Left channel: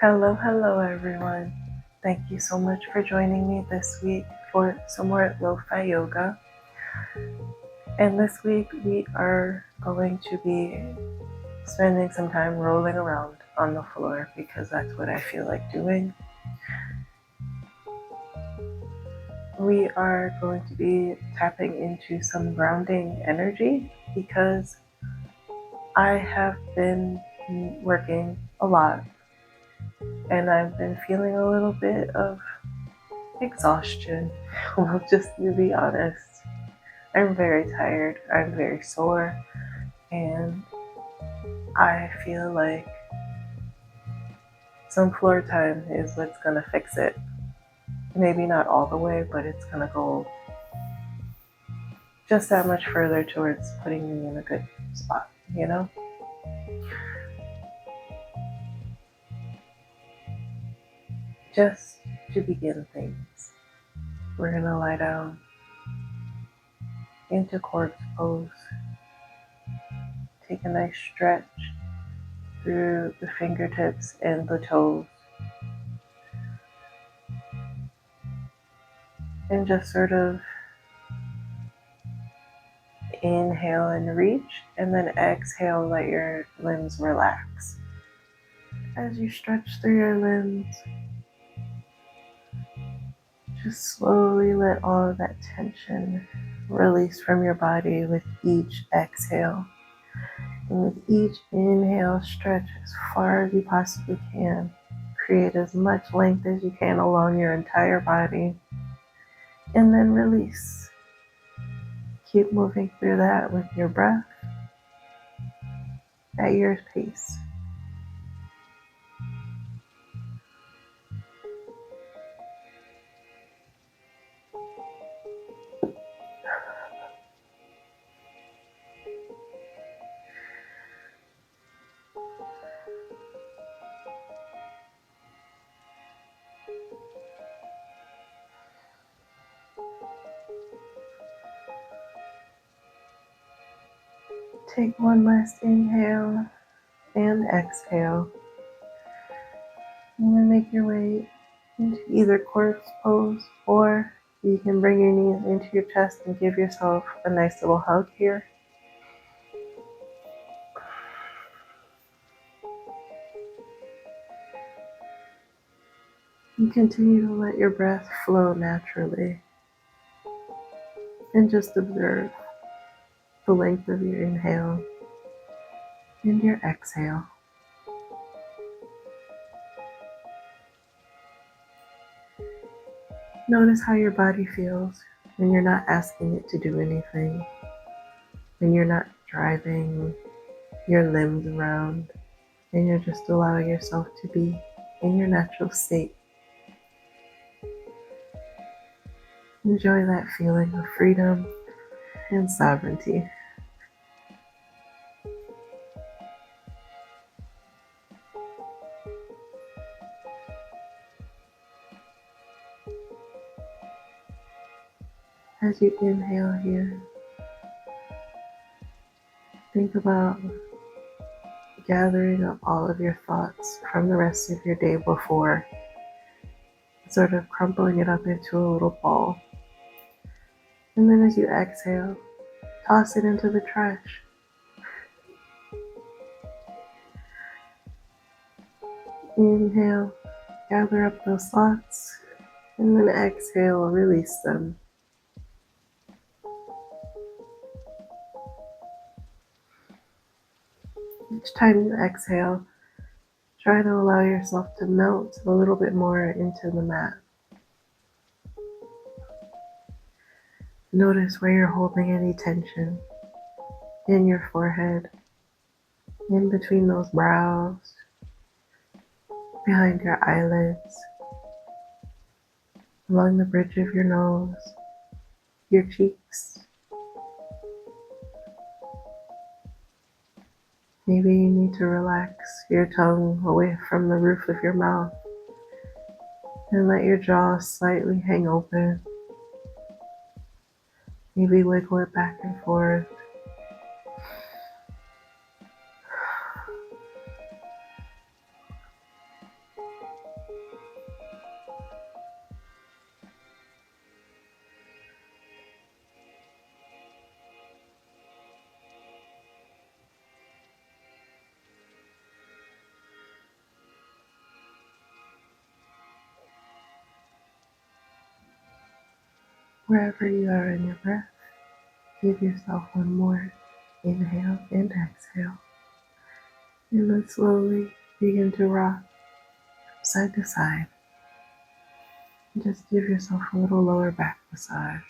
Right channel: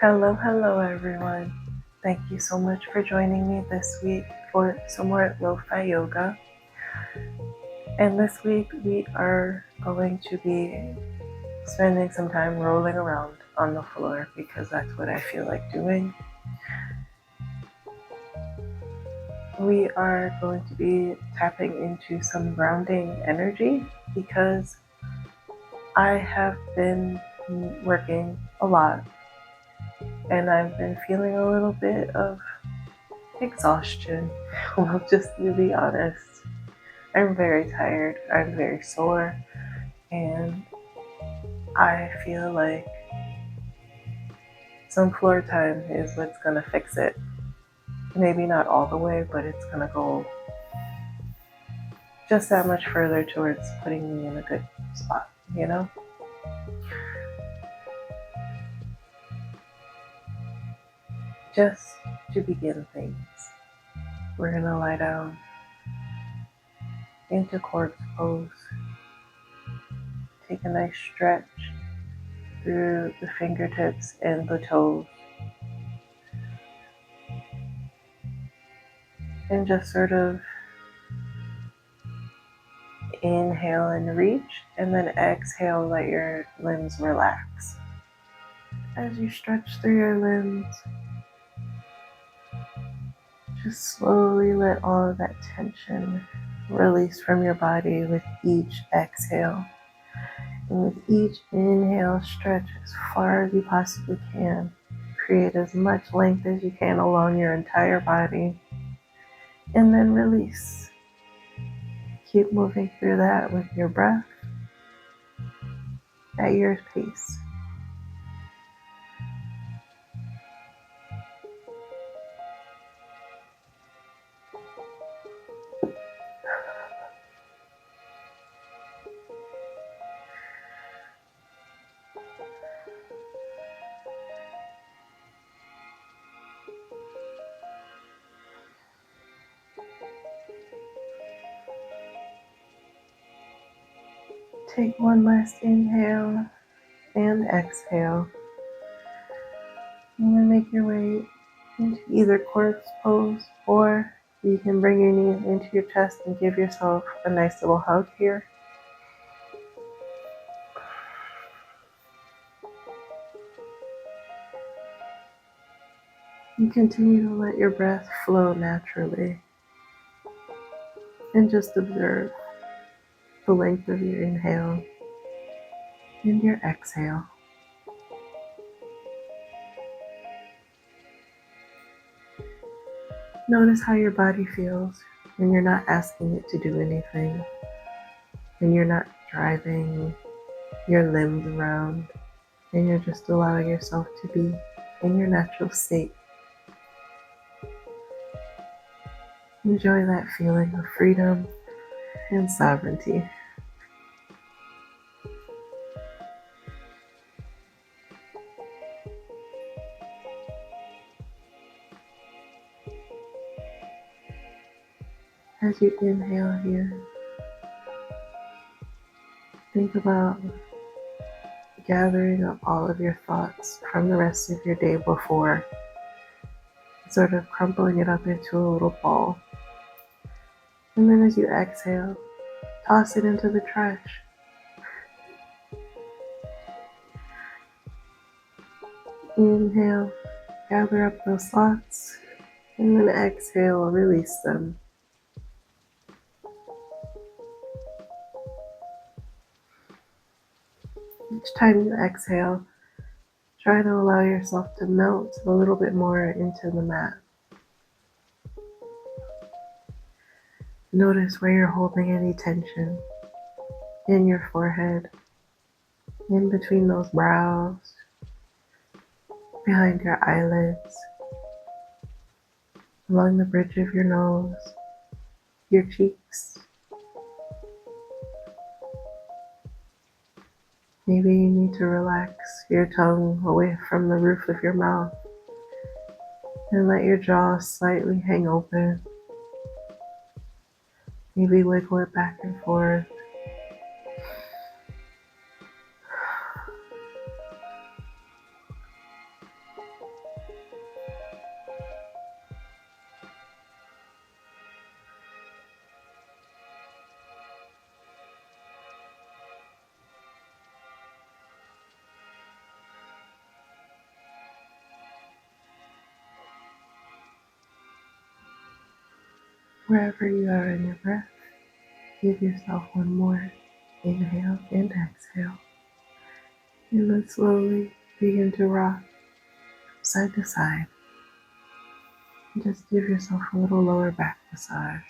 Hello everyone. Thank you so much for joining me this week for some more LoFi Yoga. And this week we are going to be spending some time rolling around on the floor because that's what I feel like doing. We are going to be tapping into some grounding energy because I have been working a lot and I've been feeling a little bit of exhaustion. Well, just to be honest, I'm very tired, I'm very sore, and I feel like some floor time is what's gonna fix it. Maybe not all the way, but it's gonna go just that much further towards putting me in a good spot, you know? Just to begin things, we're gonna lie down into corpse pose. Take a nice stretch through the fingertips and the toes. And just sort of inhale and reach, and then exhale, let your limbs relax. As you stretch through your limbs, just slowly let all of that tension release from your body with each exhale. And with each inhale, stretch as far as you possibly can. Create as much length as you can along your entire body. And then release. Keep moving through that with your breath at your pace. Take one last inhale and exhale. And then make your way into either corpse pose, or you can bring your knees into your chest and give yourself a nice little hug here. And continue to let your breath flow naturally. And just observe the length of your inhale and your exhale. Notice how your body feels when you're not asking it to do anything, when you're not driving your limbs around, and you're just allowing yourself to be in your natural state. Enjoy that feeling of freedom and sovereignty. As you inhale here, think about gathering up all of your thoughts from the rest of your day before, sort of crumpling it up into a little ball. And then as you exhale, toss it into the trash. Inhale, gather up those thoughts, and then exhale, release them. Each time you exhale, try to allow yourself to melt a little bit more into the mat. Notice where you're holding any tension in your forehead, in between those brows, behind your eyelids, along the bridge of your nose, your cheeks. Maybe you need to relax your tongue away from the roof of your mouth and let your jaw slightly hang open. Maybe wiggle it back and forth. Wherever you are in your breath, give yourself one more inhale and exhale. And then slowly begin to rock side to side. Just give yourself a little lower back massage.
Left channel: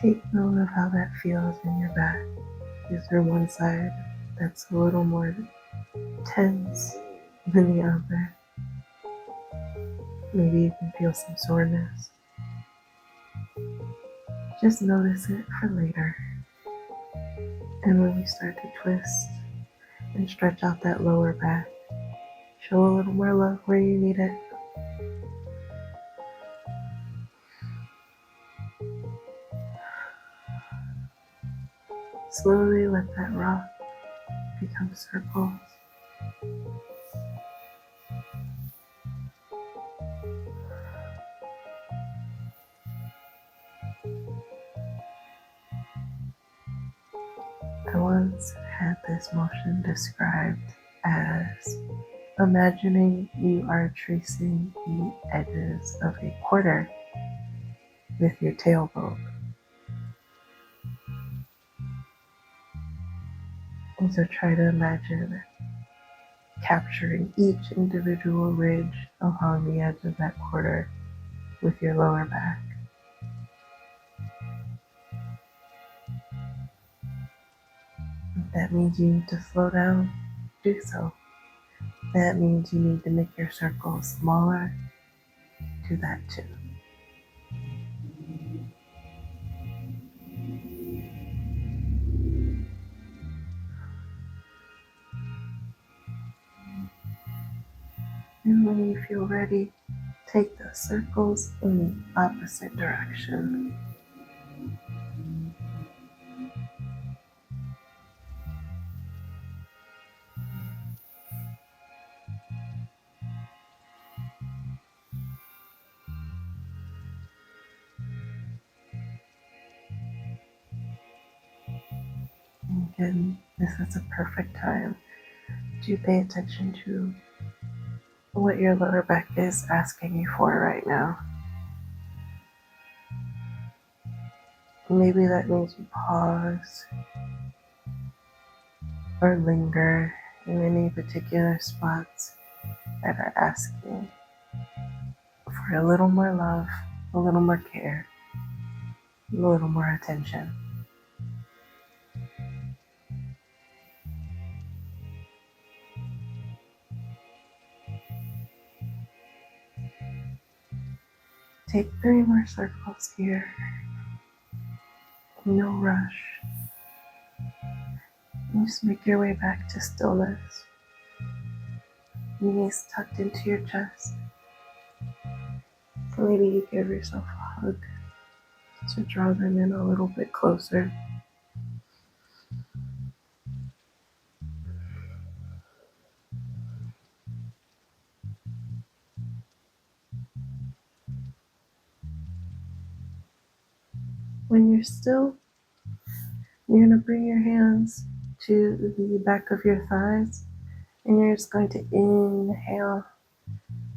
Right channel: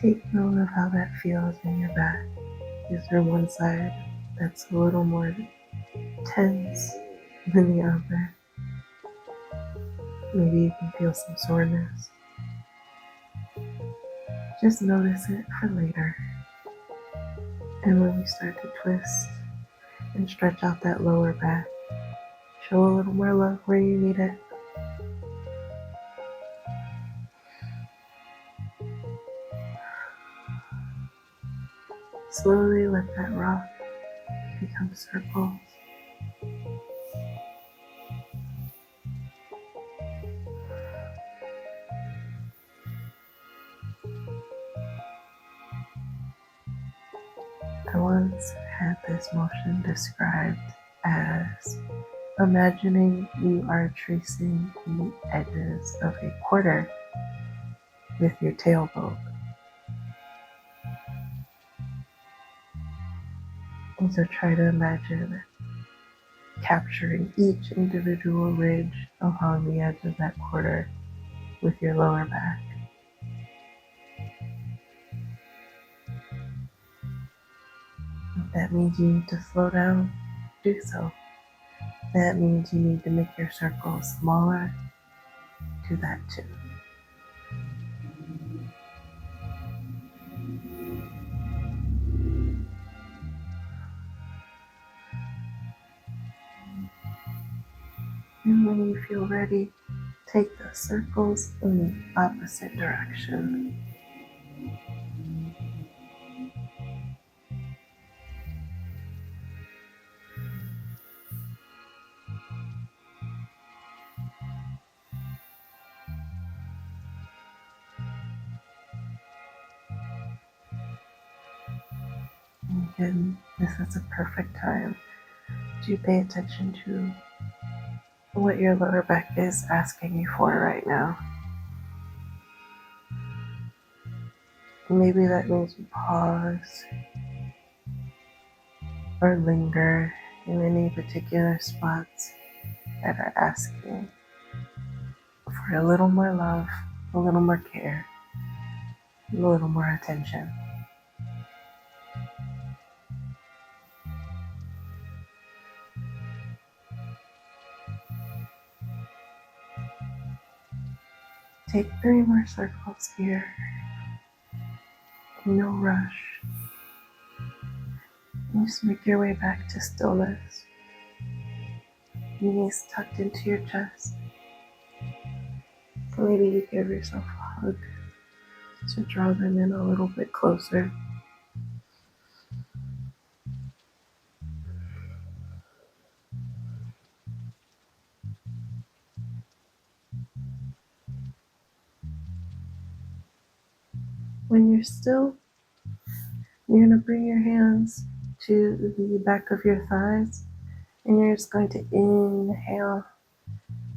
Take note of how that feels in your back. Is there one side that's a little more tense than the other? Maybe you can feel some soreness. Just notice it for later. And when we start to twist and stretch out that lower back, show a little more love where you need it. Slowly let that rock become circles. I once had this motion described as imagining you are tracing the edges of a quarter with your tailbone. And so try to imagine capturing each individual ridge along the edge of that quarter with your lower back. If that means you need to slow down, do so. That means you need to make your circle smaller, do that too. And when you feel ready, take the circles in the opposite direction. And again, this is a perfect time to pay attention to what your lower back is asking you for right now. Maybe that means you pause or linger in any particular spots that are asking for a little more love, a little more care, a little more attention. Take 3 more circles here. No rush. And just make your way back to stillness. Knees tucked into your chest. Maybe you give yourself a hug to draw them in a little bit closer. When you're still, you're going to bring your hands to the back of your thighs, and you're just going to inhale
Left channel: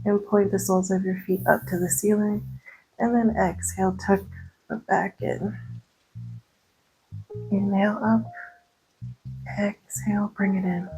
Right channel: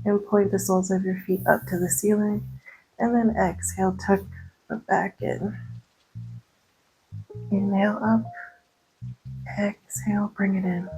and point the soles of your feet up to the ceiling, and then exhale, tuck the back in. Inhale up, exhale, bring it in.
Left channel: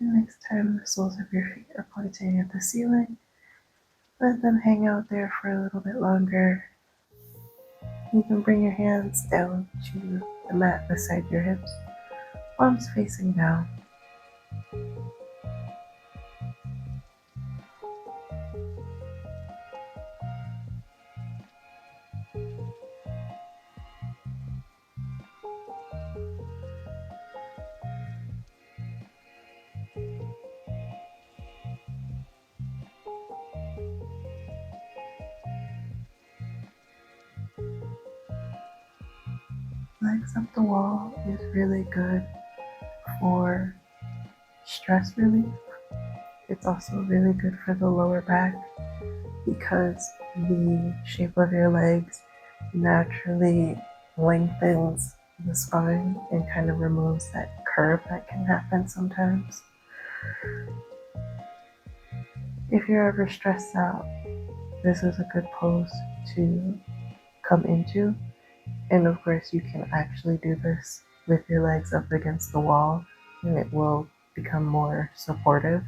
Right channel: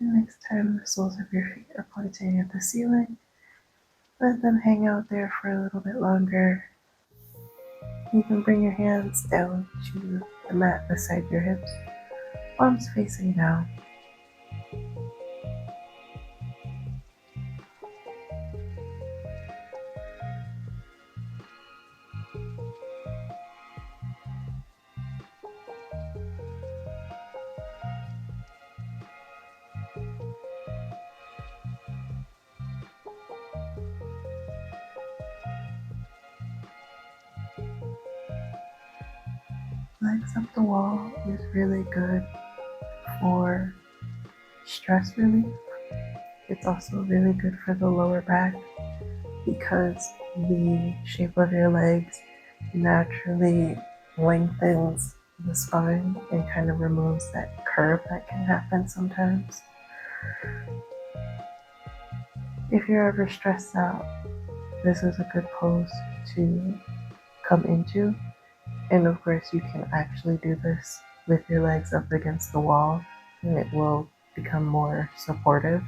And next time the soles of your feet are pointing at the ceiling, let them hang out there for a little bit longer. You can bring your hands down to the mat beside your hips, palms facing down. Legs up the wall is really good for stress relief. It's also really good for the lower back because the shape of your legs naturally lengthens the spine and kind of removes that curve that can happen sometimes. If you're ever stressed out, this is a good pose to come into. And of course, you can actually do this with your legs up against the wall, and it will become more supportive.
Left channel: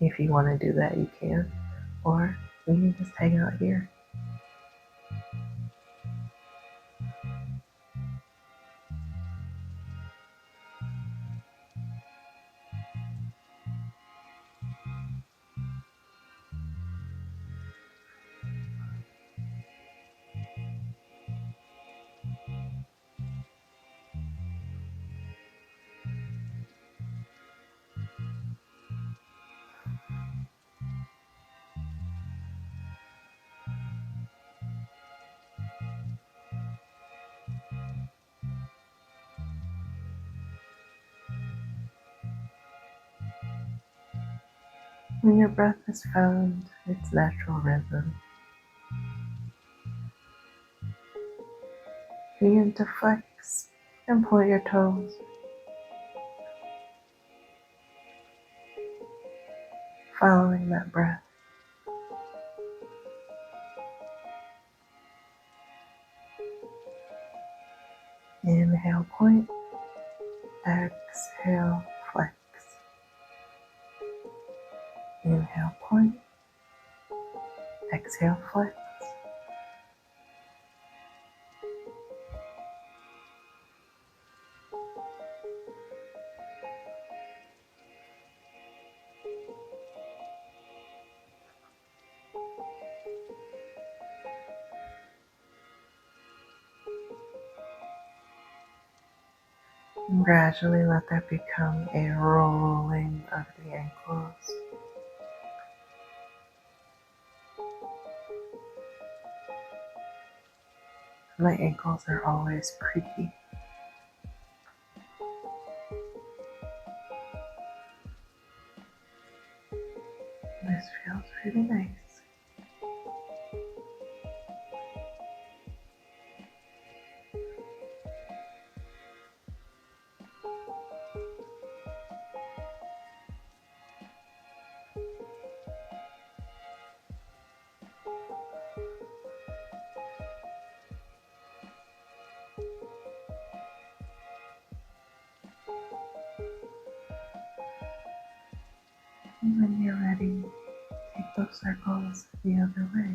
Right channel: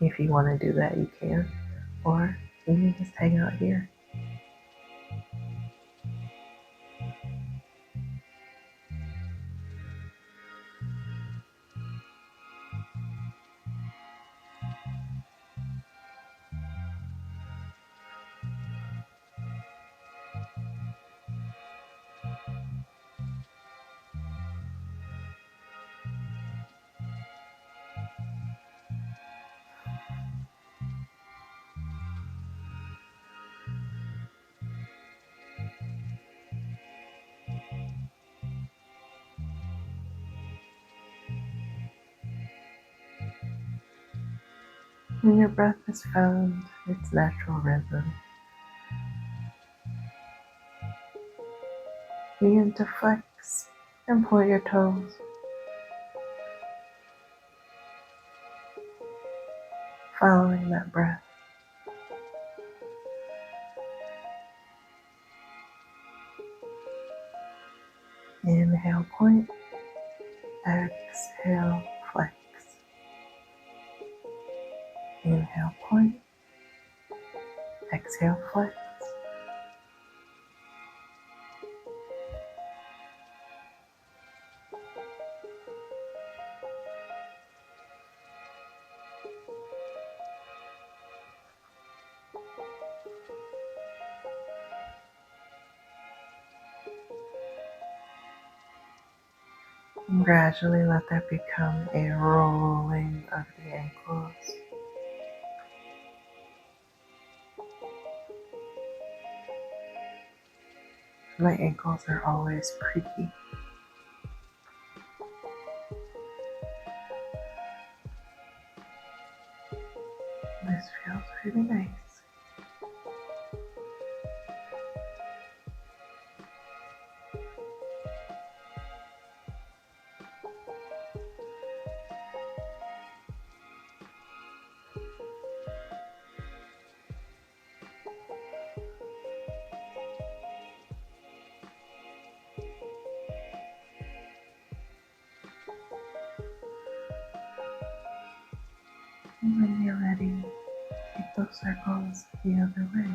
If you want to do that, you can. Or you can just hang out here. When your breath has found its natural rhythm, begin to flex and point your toes, following that breath. Inhale, point. Exhale, flex. Inhale, point. Exhale, flex. And gradually let that become a rolling of the ankles. My ankles are always creaky. This feels really nice. And when you're ready, take those circles the other way.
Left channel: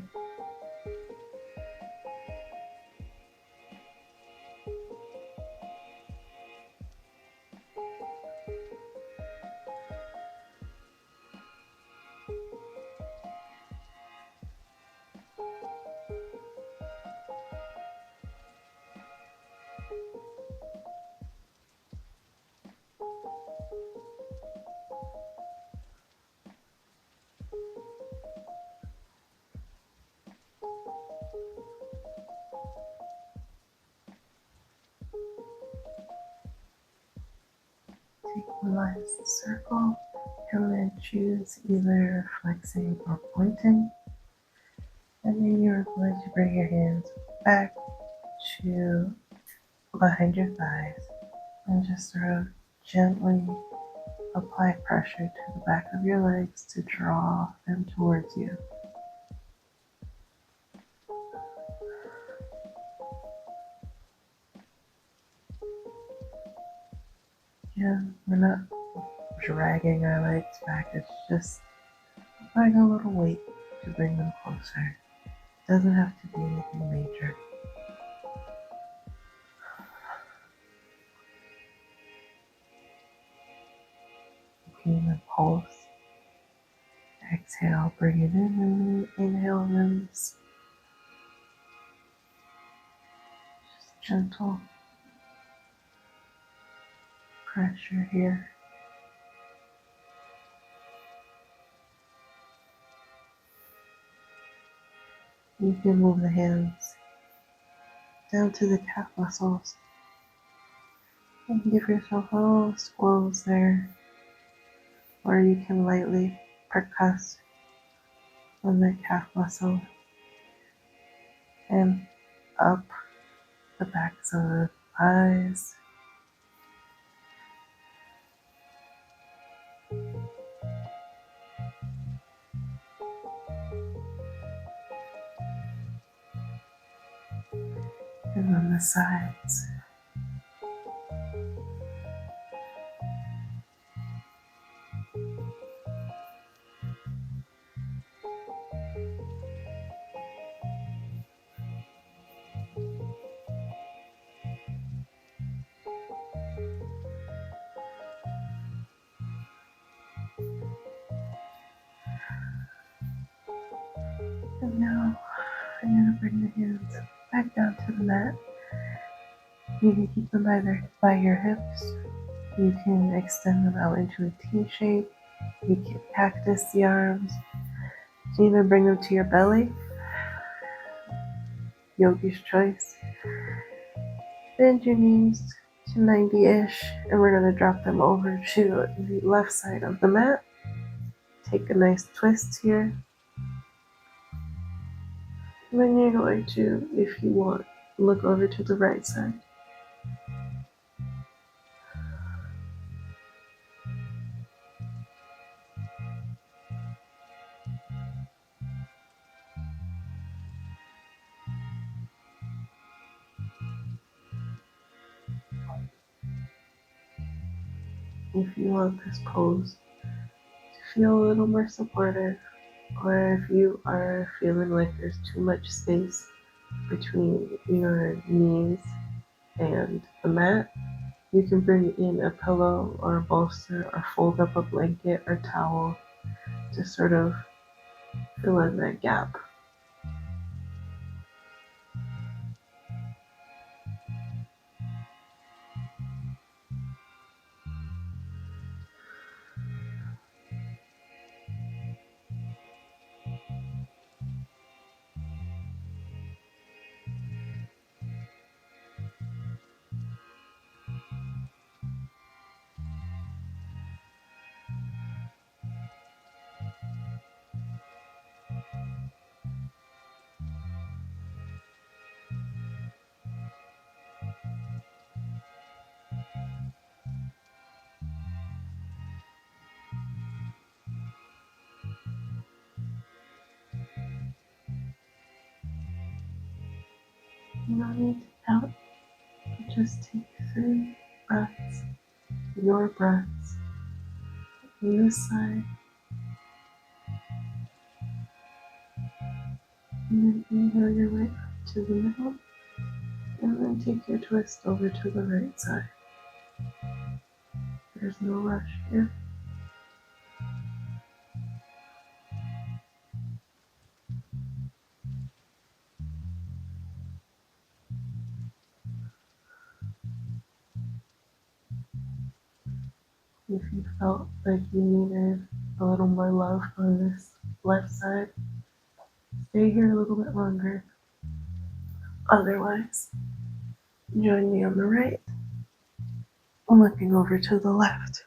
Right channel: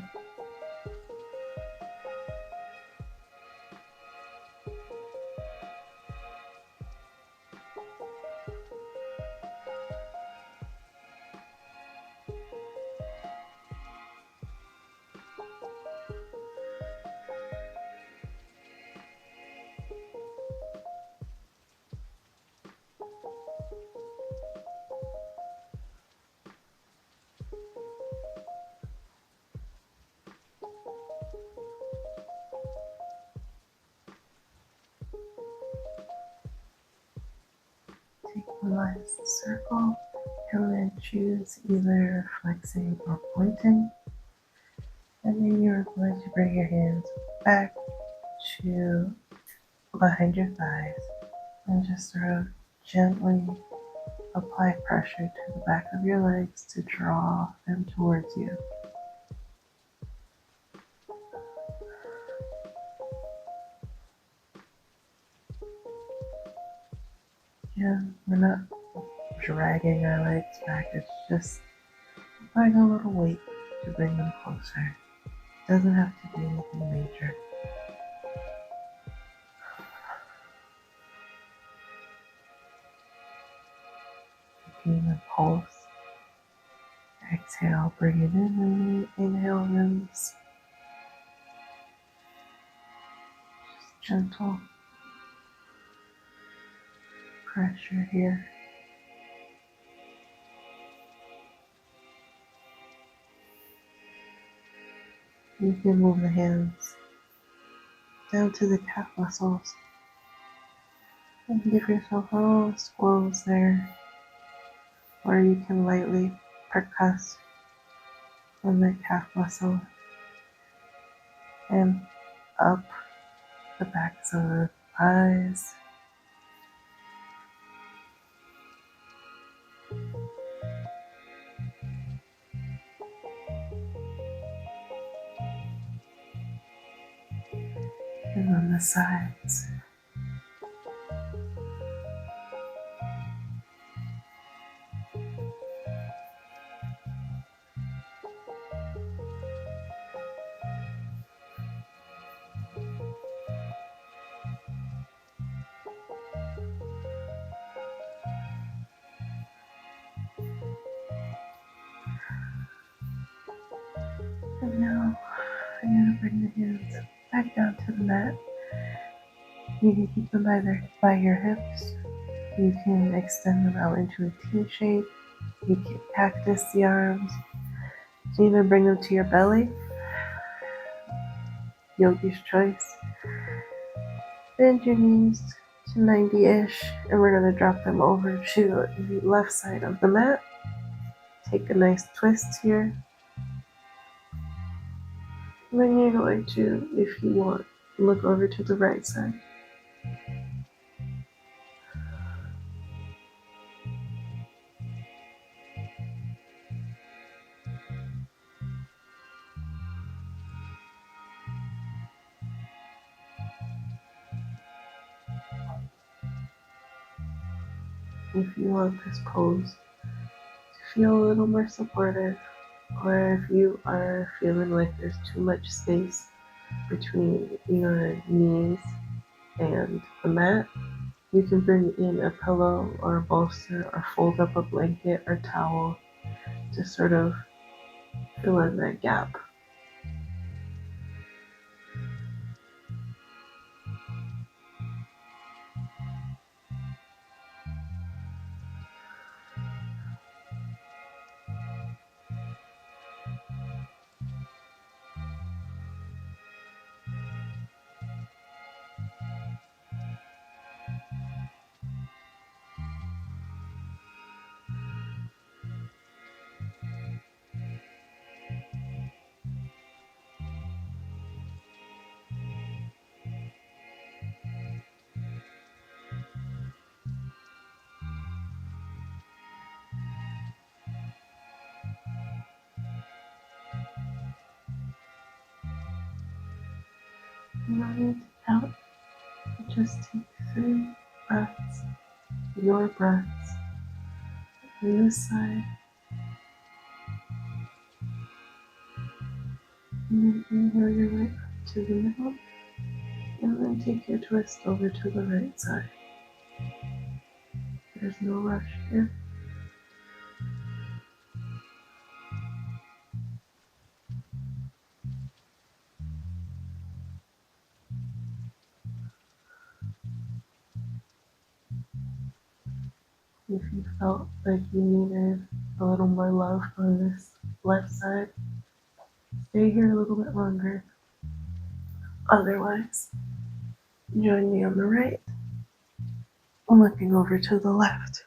Take one last circle and then choose either flexing or pointing. And then you're going to bring your hands back to behind your thighs and just sort of gently apply pressure to the back of your legs to draw them towards you. And we're not dragging our legs back, it's just applying a little weight to bring them closer. It doesn't have to be anything major. You can even pulse. Exhale, bring it in, and inhale, release. Just gentle pressure here. You can move the hands down to the calf muscles. And give yourself little swells there, or you can lightly percuss on the calf muscle and up the backs of the thighs. And on the sides. And now I'm going to bring the hands back down to the mat. You can keep them by your hips. You can extend them out into a T shape. You can cactus the arms. You can even bring them to your belly. Yogi's choice. Bend your knees to 90-ish, and we're going to drop them over to the left side of the mat. Take a nice twist here. And then you're going to, if you want, look over to the right side. If you want this pose to feel a little more supportive, or if you are feeling like there's too much space between your knees and the mat, you can bring in a pillow or a bolster or fold up a blanket or towel to sort of fill in that gap. You don't need to count, just take 3 breaths, your breaths, on this side, and then inhale your way up to the middle, and then take your twist over to the right side. There's no rush here. If you felt like you needed a little more love on this left side, stay here a little bit longer. Otherwise, join me on the right, looking over to the left.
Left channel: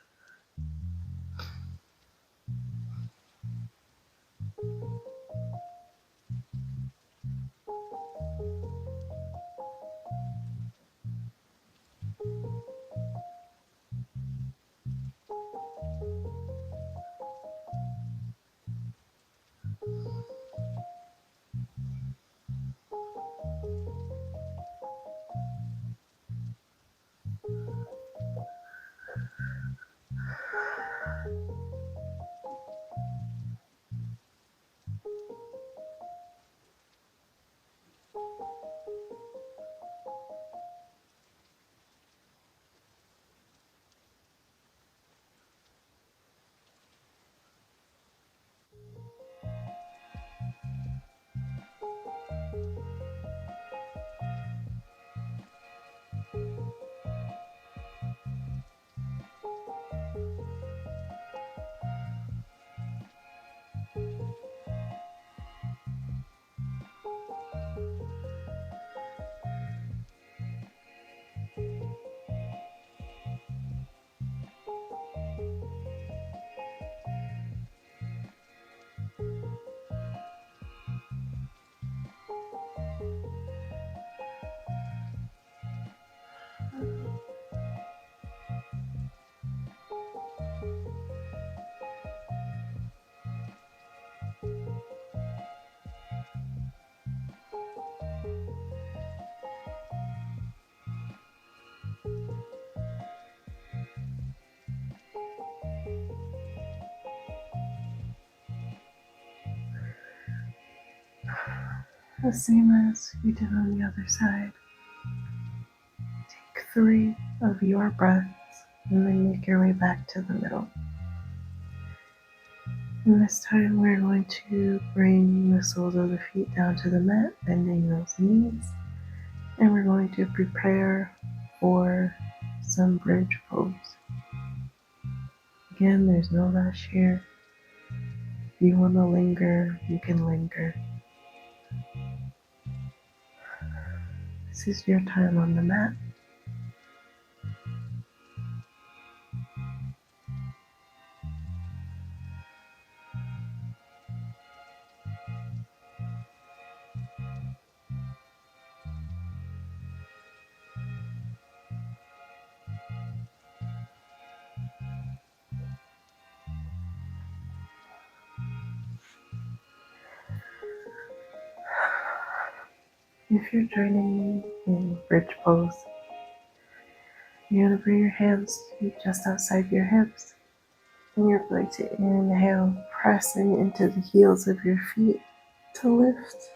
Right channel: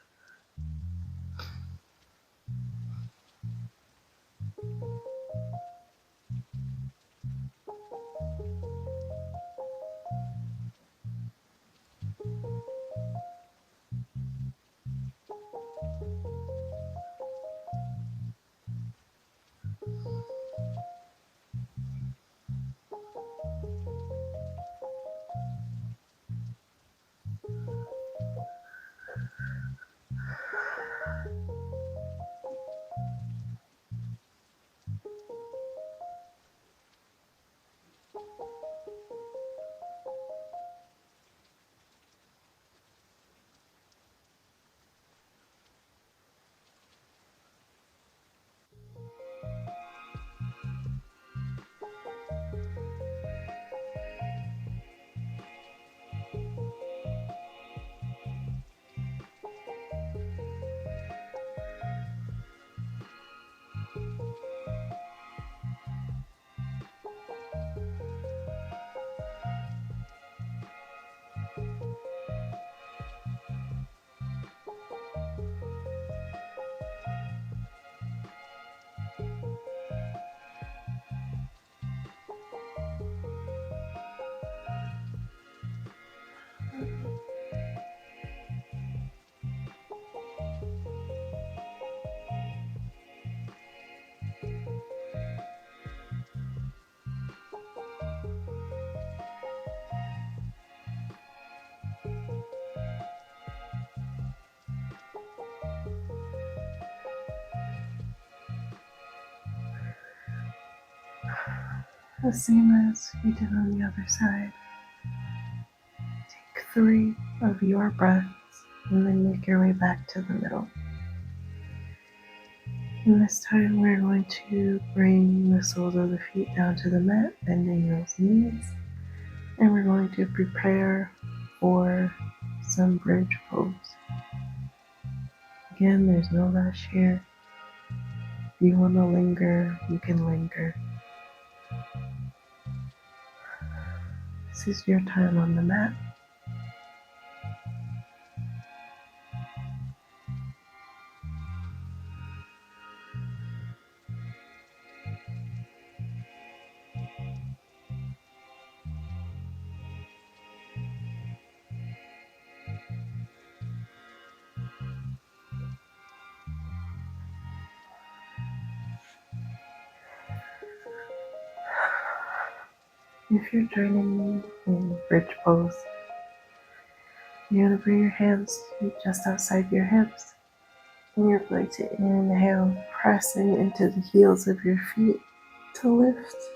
The same as we did on the other side. Take 3 of your breaths and then make your way back to the middle. And this time we're going to bring the soles of the feet down to the mat, bending those knees. And we're going to prepare for some bridge pose. Again, there's no rush here. If you want to linger, you can linger. This is your time on the mat. If you're joining me in bridge pose, you're going to bring your hands just outside your hips. And you're going to inhale, pressing into the heels of your feet to lift.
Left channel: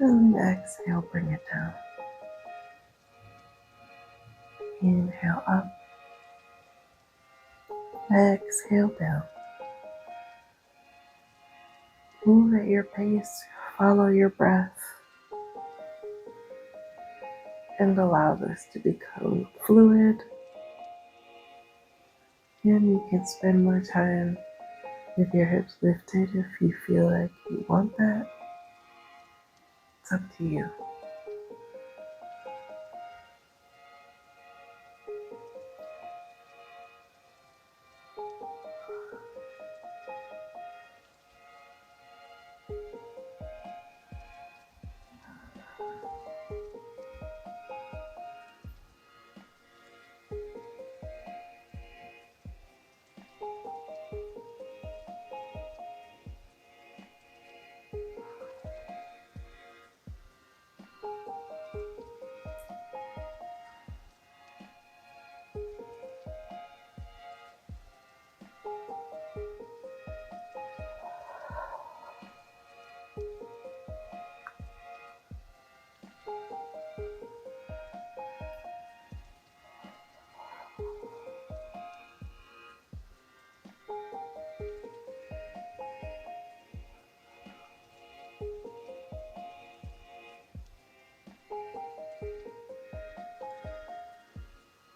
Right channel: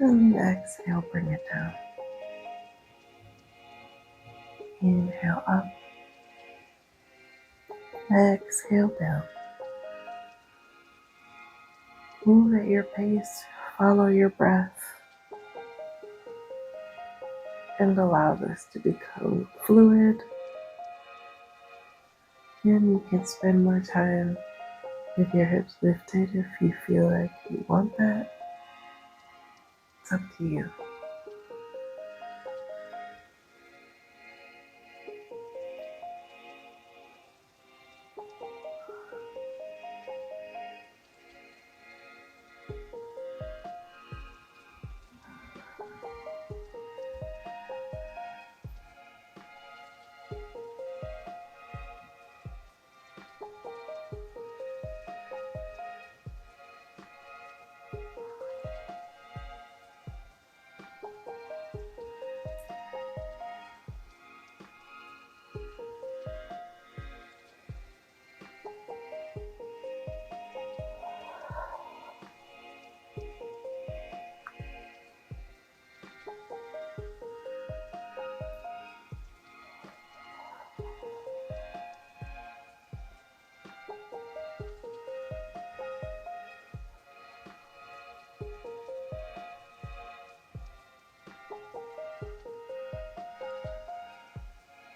And then exhale, bring it down. Inhale up. Exhale down. Move at your pace. Follow your breath. And allow this to become fluid. And you can spend more time with your hips lifted if you feel like you want that. It's up to you.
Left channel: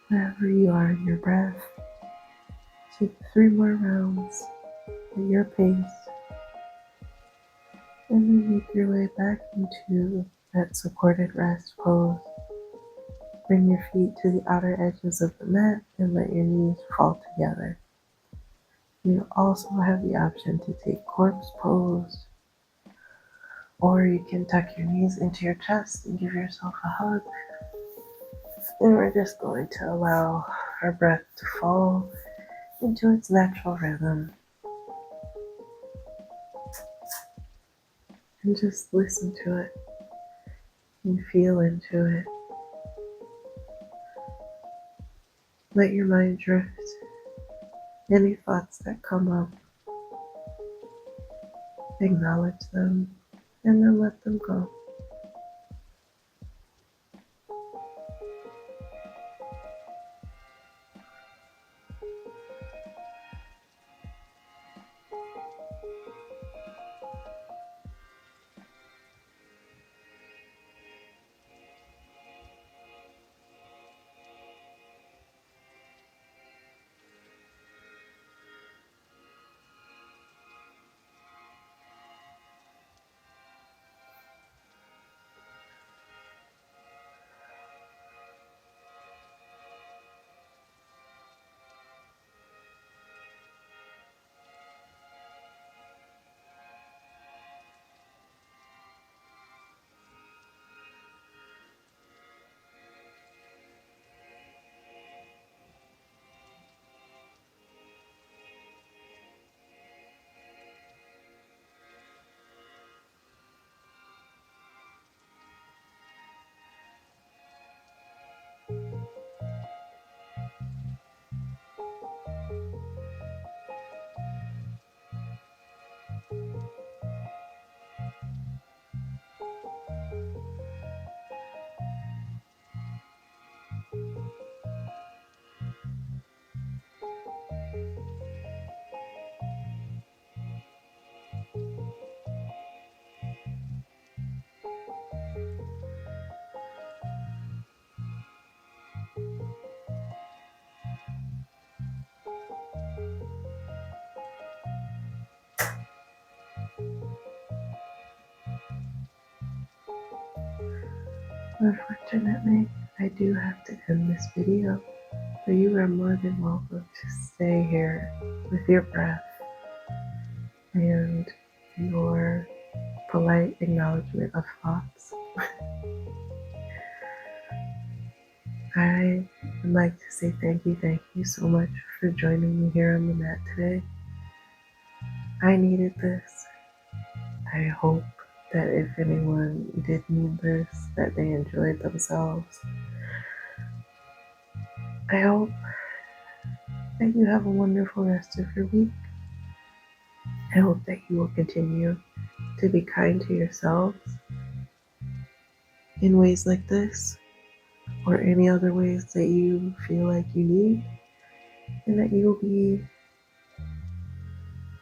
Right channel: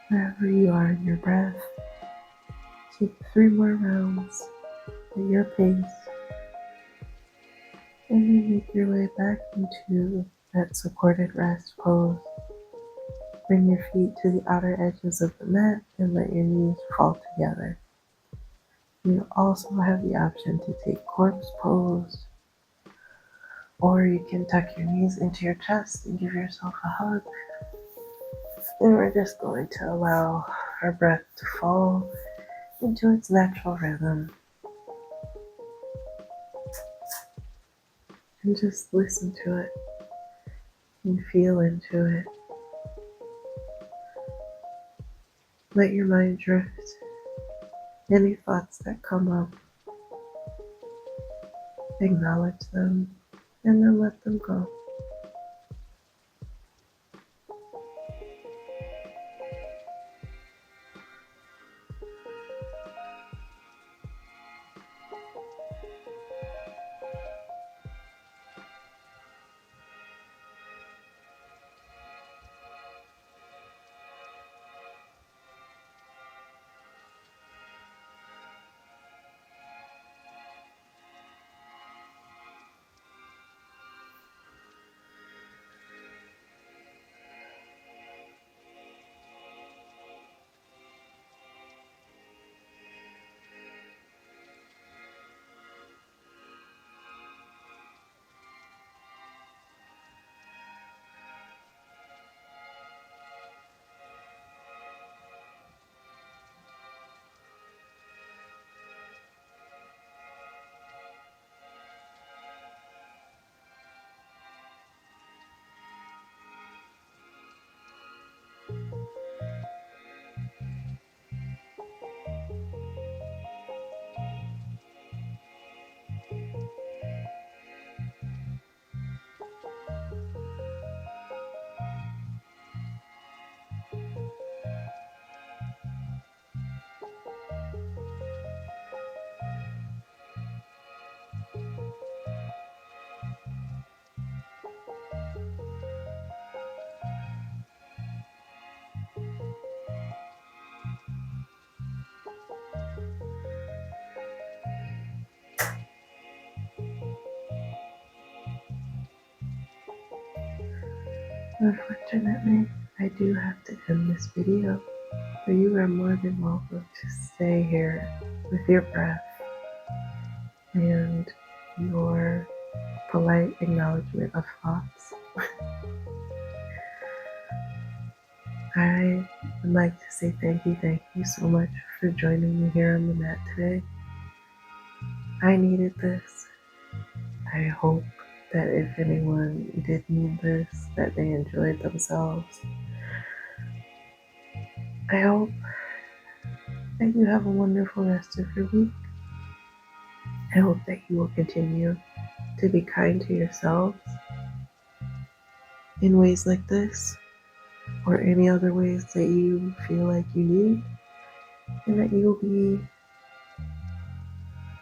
Wherever you are in your breath, take 3 more rounds at your pace, and then make your way back into that supported rest pose. Bring your feet to the outer edges of the mat and let your knees fall together. You also have the option to take corpse pose, or you can tuck your knees into your chest and give yourself a hug. And we're just going to allow our breath to fall into its natural rhythm. And just listen to it and feel into it. Let your mind drift. Any thoughts that come up, acknowledge them, and then let them go. Unfortunately, I do have to end this video, but you are more than welcome to stay here with your breath and your polite acknowledgement of thoughts. I would like to say thank you so much for joining me here on the mat today. I needed this. I hope that if anyone did need this, that they enjoyed themselves. I hope that you have a wonderful rest of your week. I hope that you will continue to be kind to yourselves in ways like this or any other ways that you feel like you need, and that you will be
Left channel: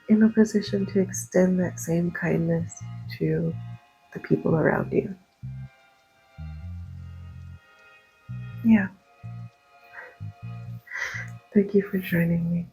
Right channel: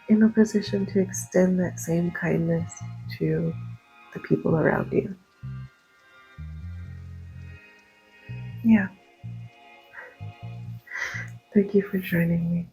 in a position to extend that same kindness to the people around you. Yeah. Thank you for joining me.